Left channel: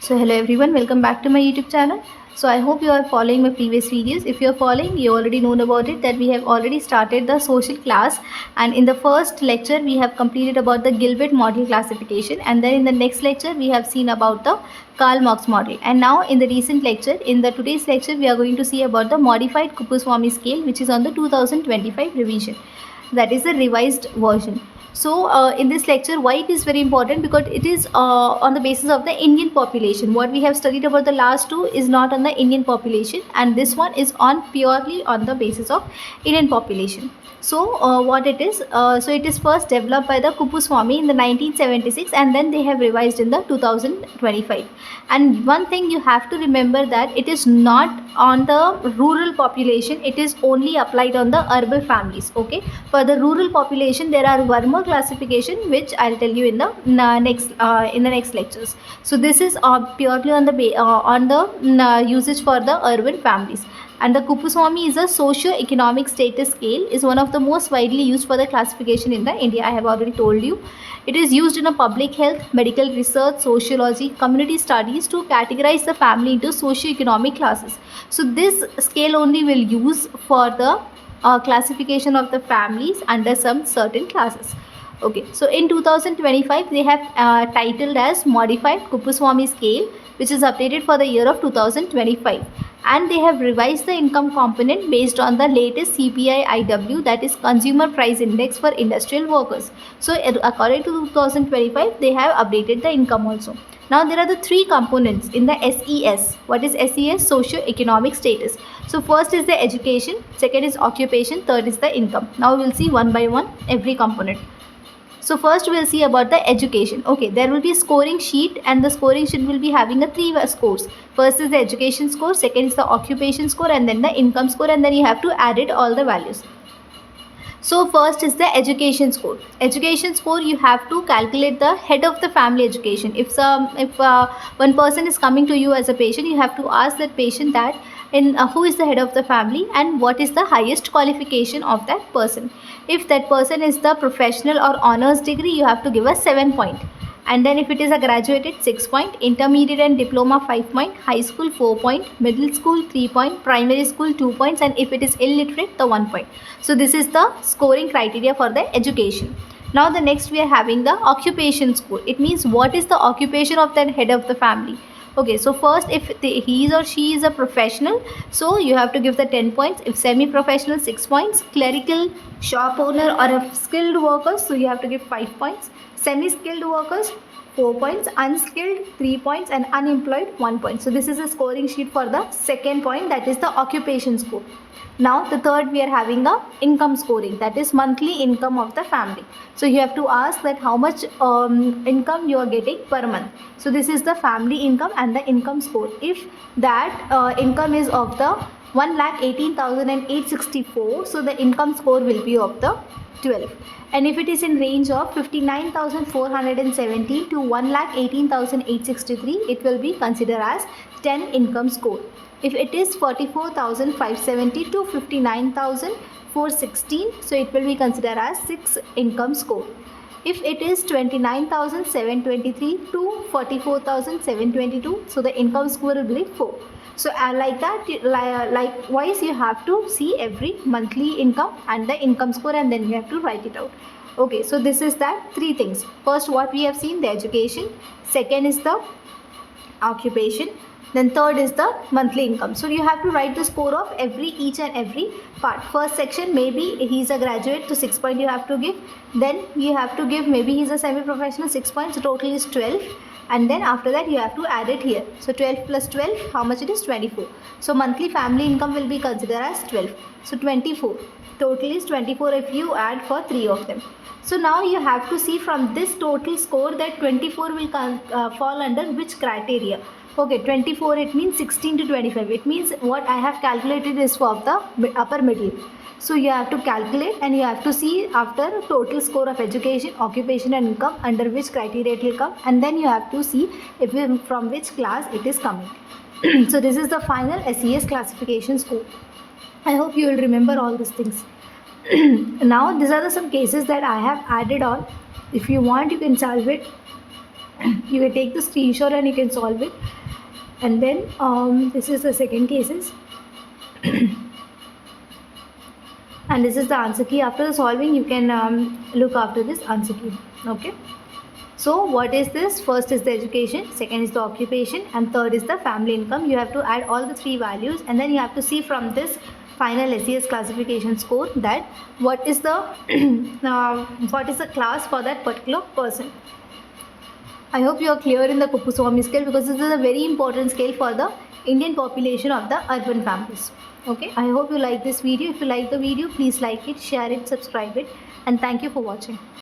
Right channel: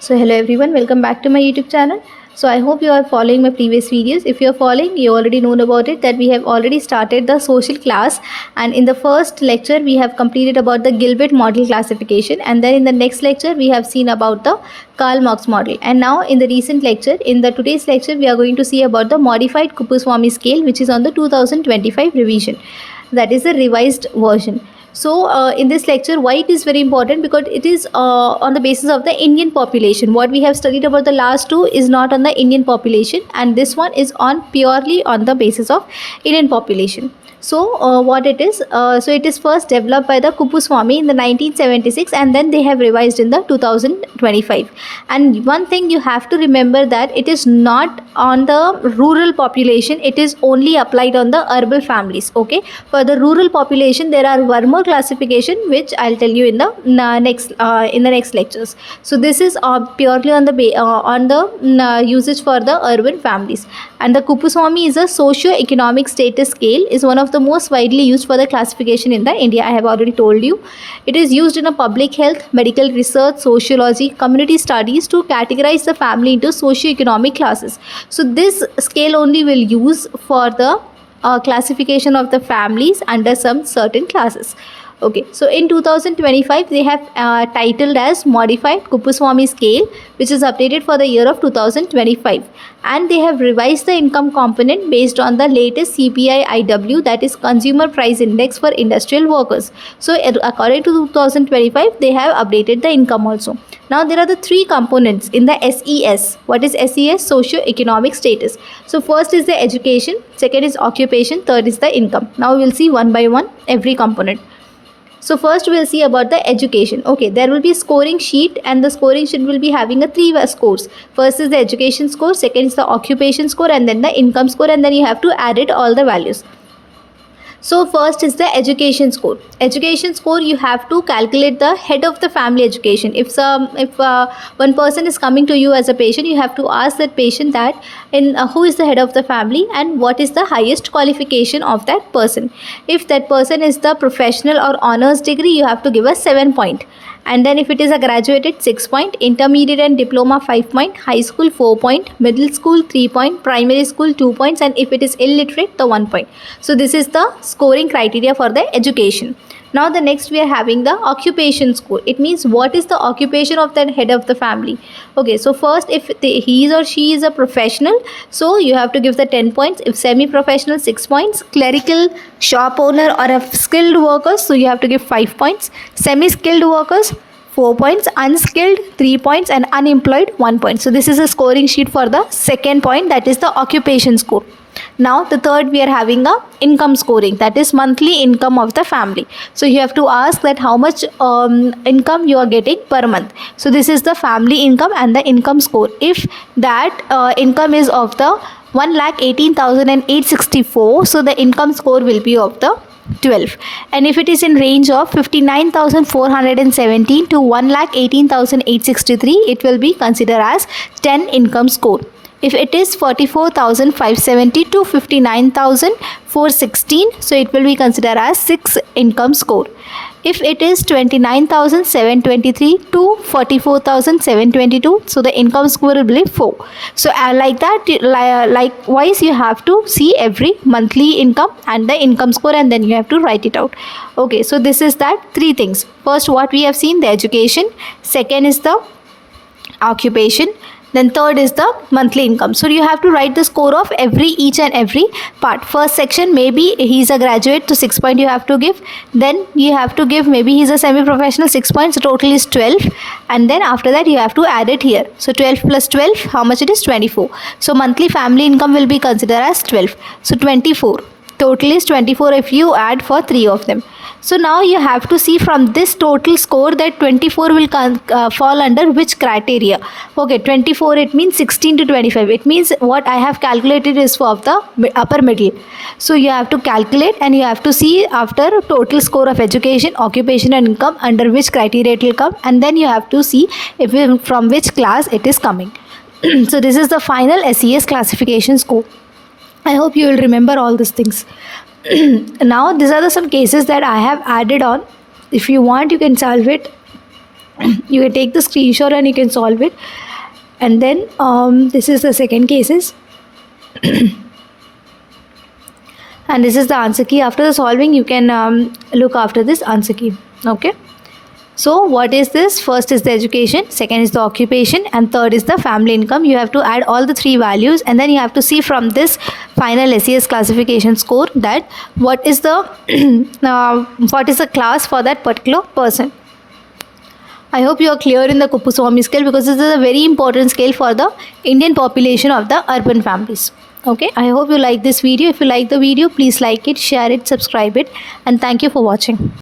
So hello everyone, welcome back to my YouTube channel. So I hope you are following my previous videos. If you are following, you already know about it that we have already started the social class, and in the first lecture we have completed about the Gilbert model classification, and then in the next lecture we have seen about the Karl Marx model. And now in the recent lecture, in the today's lecture, we are going to see about the Modified Kuppuswamy Scale, which is on the 2025 revision. That is the revised version. So in this lecture, why it is very important, because it is on the basis of the Indian population. What we have studied about the last two is not on the Indian population, and this one is on purely on the basis of Indian population. So what it is, so it is first developed by the Kuppuswamy in the 1976, and then they have revised in the 2025. And one thing you have to remember, that it is not on the rural population, it is only applied on the urban families. Okay, for the rural population there are one more classification which I'll tell you in the next lectures. So this is purely on the usage for the urban families. And the Kuppuswamy is a socio-economic status scale, is one of the most widely used for the classification in the India. I have already told you. It is used in a public health, medical research, sociology, community studies to categorize the family into socio-economic classes. So this scale only will use for the classification of the families under some certain classes. Okay, so in 2025 they have titled as Modified Kuppuswamy Scale, which is updated for the year of 2025, and they have revised the income component based on the latest CPI-IW, that is Consumer Price Index for industrial workers. So according to 2025 they have updated the income also. Now there are the three components in the SES. What is SES? Socio-economic status. So first is the education, second is occupation, third is the income. Now we will see one by one every component. So first we will see about the education. Okay, there will be a scoring sheet, and the scoring sheet will be having a three scores. First is the education score, second is the occupation score, and then the income score, and then you have to add it all the values. So first is the education score. Education score, you have to calculate the head of the family education. If one person is coming to you as a patient, you have to ask that patient that who is the head of the family and what is the highest qualification of that person. If that person is the professional or honors degree, you have to give a 7 point. And then if it is a graduated, 6 point, intermediate and diploma 5 point, high school 4 point, middle school 3 point, primary school 2 points, and if it is illiterate, the 1 point. So this is the scoring criteria for the education. Now the next we are having the occupation score. It means what is the occupation of that head of the family. Okay, so first if he or she is a professional, so you have to give the 10 points. If semi-professional, 6 points. Clerical, shop owner or a skilled worker, so you have to give 5 points. Semi-skilled workers, 4 points. Unskilled, 3 points, and unemployed, 1 point. So this is a scoring sheet for the second point, that is the occupation score. Now the third we are having a income scoring, that is monthly income of the family. So you have to ask that how much income you are getting per month. So this is the family income and the income score. If that income is of the 1,18,864, so the income score will be of the 12. And if it is in range of 59,417 to 1,18,863, it will be considered as 10 income score. If it is 44,570 to 59,416, so it will be considered as 6 income score. If it is 29,723 to 44,722, so the income score will be 4. So like that, likewise you have to see every monthly income and the income score, and then you have to write it out. Okay, so this is that three things. First, what we have seen, the education. Second is the occupation. Then third is the monthly income. So you have to write the score of each and every part. First section, maybe he's a graduate, so 6 point you have to give. Then you have to give, maybe he's a semi-professional, 6 points, so total is 12. And then after that you have to add it here. So 12 plus 12, how much it is? 24. So monthly family income will be considered as 12. So 24. Total is 24 if you add for 3 of them. So now you have to see from this total score that 24 will fall under which criteria. Okay, 24, it means 16 to 25. It means what I have calculated is for the upper middle. So you have to calculate, and you have to see after total score of education, occupation and income, under which criteria it will come, and then you have to see if from which class it is coming. So this is the final SES classification score. I hope you will remember all these things. Now these are some cases that I have added on. If you want, you can solve it You can take the screenshot and you can solve it. And then this is the second cases. And this is the answer key. After the solving, you can look after this answer key. Okay. So what is this? First is the education, second is the occupation, and third is the family income. You have to add all the three values, and then you have to see from this final SES classification score that what is the class for that particular person. I hope you are clear in the Kuppuswamy scale, because this is a very important scale for the Indian population of the urban families. Okay, I hope you like this video. If you like the video, please like it, share it, subscribe it, and thank you for watching.